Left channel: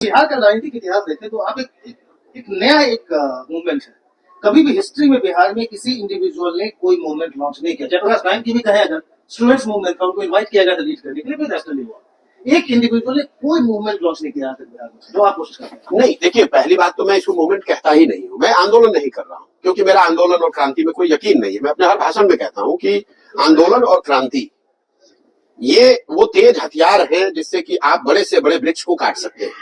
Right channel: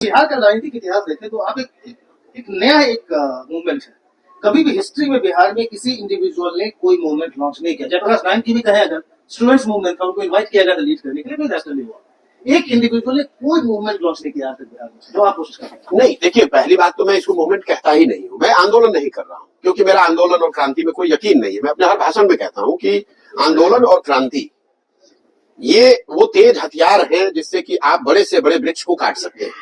बिहार का राजनीतिक इतिहास देखें तो आप एक नया एक मूवमेंट है। कभी भी हिस्ट्री में बिहार में किसी इंडिविजुअल ने कोई मूवमेंट लॉन्च नहीं किया। जयप्रकाश नारायण की भी कहे अगर स्टूडेंट्स मूवमेंट था, उनको इनवाइट किया गया था लीड करने के लिए, कोई नेशनल हुआ। एक इंडिविजुअल ने कोई मूवमेंट लॉन्च नहीं किया आज तक बिहार में, जो आप कोशिश कर रहे हैं। नहीं, देखिए, पहली बात तो मैं इसको मूवमेंट कहता ही नहीं हूँ। मैं आंदोलन नहीं कर रहा हूँ, क्योंकि मेरा आंदोलन और क्रांति में कोई यकीन नहीं है। मैं अपने हर भाषण में कहता हूँ कि आंदोलन और क्रांति ये वो तेज हथियार है जिससे कि आप बड़े से बड़े वृक्ष को काट सकते हैं।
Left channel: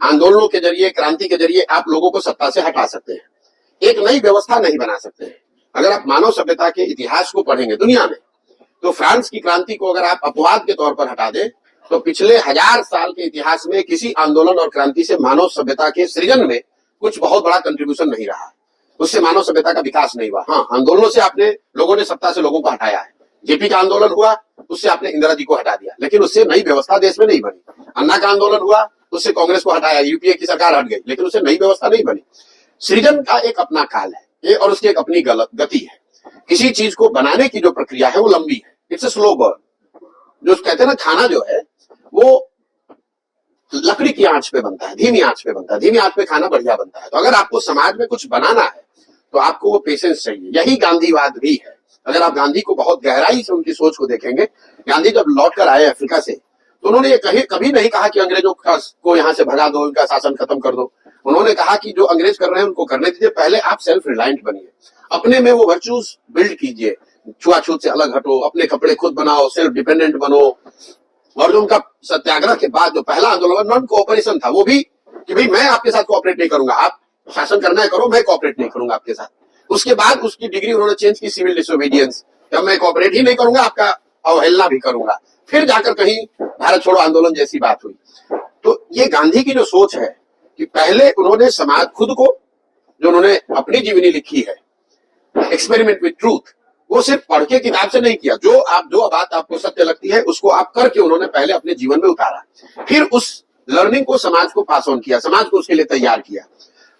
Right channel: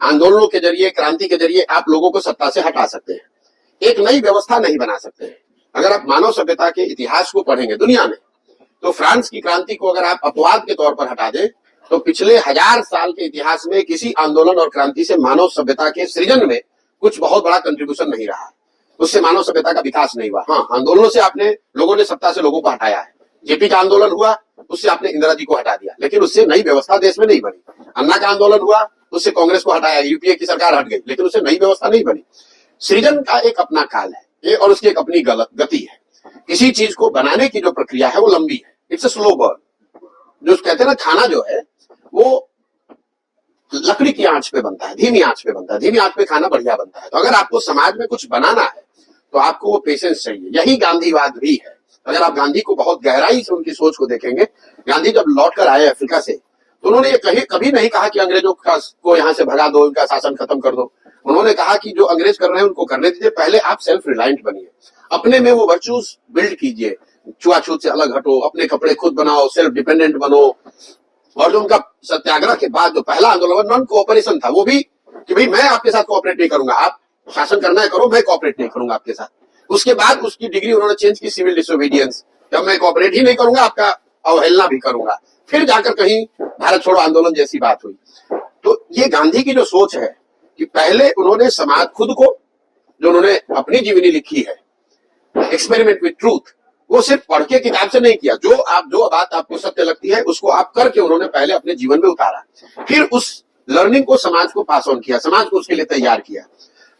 आंदोलनों के जरिए, क्रांति के जरिए आप लोगों को सत्ता से हटा सकते हैं। एक नई व्यवस्था नहीं बना सकते हैं। अगर आप मानव सभ्यता के इतिहास को पढ़ेंगे दुनिया में, तो फ्रांस की क्रांति को अगर आप अपवाद के तौर पर हटा दें, तो पिछले 1000 साल के इतिहास में किसी आंदोलन और क्रांति से मानव सभ्यता के सृजन में कुछ बहुत बड़ा कंट्रीब्यूशन नहीं रहा है। उससे मानव सभ्यता का विकास नहीं हुआ। हाँ, आंदोलनों से आपने लोगों ने सत्ता से लोगों को हटाया है। जेपी का आंदोलन हुआ, उससे आपने इंदिरा जी को हटा दिया, लेकिन उससे नई व्यवस्था देश में नहीं बनी। अन्ना का आंदोलन हुआ, उससे कांग्रेस को हटाया, यूपीए की सरकार हट गई, लेकिन उससे नई व्यवस्था नहीं बनी। सृजन का एक अपना काल है ये, और उसकी एक अपनी गति है। किसी चीज को बनाने की जो प्रक्रिया है वो लंबी है। It's a slow burn. जो कहते हैं ना, खाना जो है वो लकड़ी की आंच पे बनता है, धीमी आंच पे बनता है। धीमी आंच पे खाना बढ़िया बनता है। तो अगर आपको समाज में कुछ बनाना है तो आपको वो पेशेंस चाहिए। यही गांधीवाद भी है। अगर आप गांधी को बहुत गहराई से उनकी सोच को देखेंगे, गांधी जब लौट कर आए अफ्रीका से, तो उन्होंने ये कभी नहीं कहा कि अंग्रेजों को यहाँ से भगा दो, इनका शासन खत्म कर दो। उन्होंने कहा कि जो अंग्रेज कर रहे हैं उनको करने दीजिए, पहले आप सेल्फ रिलायंट बनिए, अपने में वो वर्चूज बिल्ड कीजिए, छुआछूत से अलग हटो, अपने कपड़े खुद बनाओ, सेल्फ डिपेंडेंट बनो। और जो उनका सत्याग्रह के बाद जो पहला आंदोलन नॉन कोऑपरेशन था, वो भी कि भाई मैं आपके साथ कोऑपरेट नहीं करूंगा, आप शासन करना है करो, मैं कोऑपरेट नहीं करूंगा आपके साथ। उसके बाद उसकी डिग्री उन्होंने चेंज की, सिविल डिसोबीडियंस। जब मैं कोऑपरेट ही नहीं करूंगा, आपका अवहेलना भी करूंगा, फिर जाकर कहीं भारत छोड़ो आंदोलन जैसी बात हुई। तो ये गांधी की जो सोच है कि पहले उन्होंने समाज खुद को, जो उन्होंने अपनी जीवनी लिखी है एक्सपेरिमेंट विद ट्रूथ, वो सिर्फ पढ़ के किताब से नहीं किया। जो बात आपको सत्य लगती है उसको आप करके उन्होंने पहले अपने जीवन में उतारा, फिर उस लर्निंग को समाज को पास ऑन किया, समाज को उसके लिए तैयार किया।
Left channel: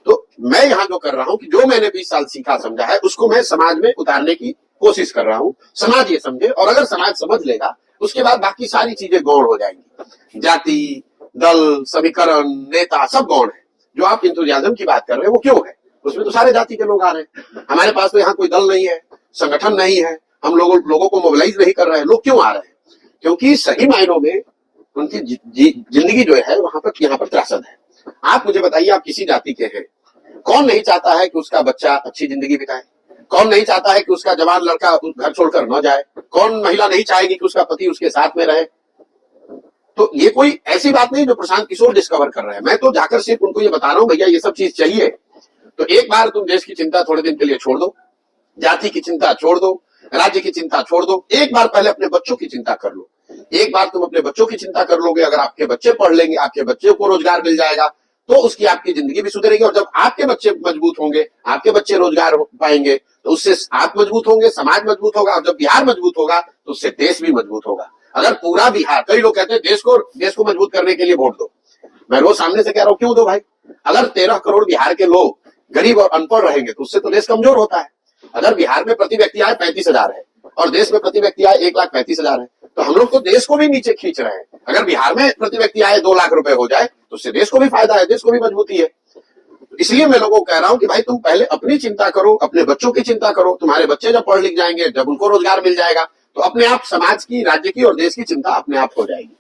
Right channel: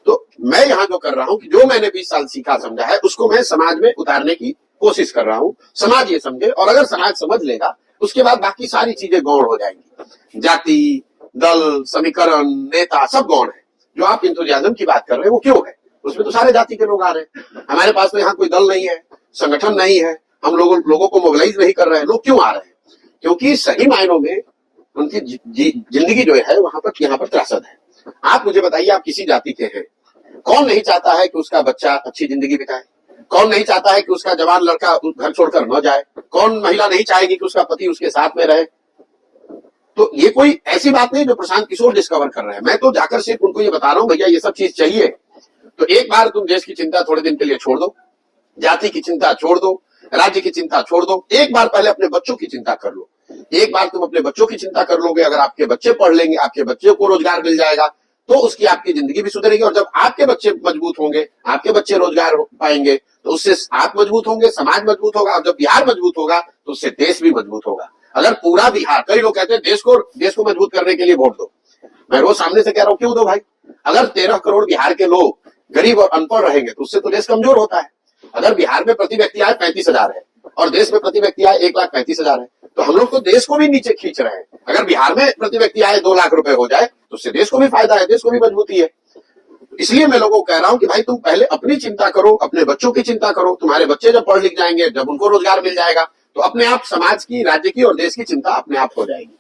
तो मैं यहाँ जो कर रहा हूँ कि जो मैंने 20 साल सीखा समझा है, उसको मैं समाज में उतारने की कोशिश कर रहा हूँ। समाज ये समझे, और अगर समाज समझ लेगा, उसके बाद बाकी सारी चीजें गौण हो जाएंगी। जाति, दल, समीकरण, नेता सब गौण है। जो आप इंथुजियाज्म की बात कर रहे हैं वो क्यों है? उसमें तो सारे जाति के लोग आ रहे हैं। हमारे पास तो यहाँ कोई दल नहीं है, संगठन नहीं है, हम लोगों को मोबिलाइज नहीं कर रहे हैं। लोग क्यों आ रहे हैं? क्योंकि सही मायनों में उनकी जिंदगी जो है वहां पर, यहाँ पर त्रासद है। आप मुझे बताइए, आप किसी जाति के हैं, कौन नहीं चाहता है कि उसका बच्चा अच्छी जिंदगी बिताए? कौन नहीं चाहता है कि उसका जवान लड़का घर छोड़कर न जाए? कौन महिला नहीं चाहेगी कि उसका पति उसके साथ में रहे? तो ये कोई ऐसी बात नहीं जो प्रशांत किशोर डिस्कवर कर रहे हैं। मैं तो जाकर सिर्फ उनको ये बता रहा हूँ, भैया ये सब चीज चाहिए, तो एक बार तुम देश की चिंता थोड़े दिन के लिए छोड़ दो, जाति की चिंता छोड़ दो, राज्य की चिंता छोड़ दो, एक बार पहले अपने बच्चों की चिंता कर लो। एक बार तुम अपने बच्चों की चिंता कर लोगे, अगर आपके बच्चे पढ़ लेंगे, आपके बच्चों को रोजगार मिल जाएगा, तो उसकी आपकी जिंदगी भी सुधरेगी। और जब आपके बच्चे मजबूत होंगे, आपके बच्चे रोजगार पाएंगे, तो उससे आप मजबूत होंगे, समाज मजबूत होगा, और जब बिहार मजबूत होगा तो उससे देश भी मजबूत होगा। अगर पूरा बिहार, कई लोग कहते हैं देश को मजबूत करने के लिए वोट दो, मैं रोज सामने से कह रहा हूं क्यों दो भाई? अगर 13 करोड़ बिहार के लोग गरीब और अनपढ़ रहेंगे तो उससे तो देश कमजोर होता है। अगर बिहार में प्रति व्यक्ति आय 35,000 है और देश में प्रति व्यक्ति आय 1,35,000 है, तो हम लोग तो देश को भी नीचे खींच रहे हैं। अगर बिहार में प्रति व्यक्ति आय 2 लाख रुपए हो जाए तो उससे देश को भी फायदा है, देश को भी मजबूती है। इसलिए मैं लोगों को कह रहा हूं कि भाई तुम पहले अपनी चिंता करो, अपने बच्चों की चिंता करो। तुम्हारे बच्चे जब पढ़ लिख जाएंगे, जब उनको रोजगार मिल जाएगा, तो अपने आप समाज की, राज्य की और देश की चिंता अपने आप हो जाएगी।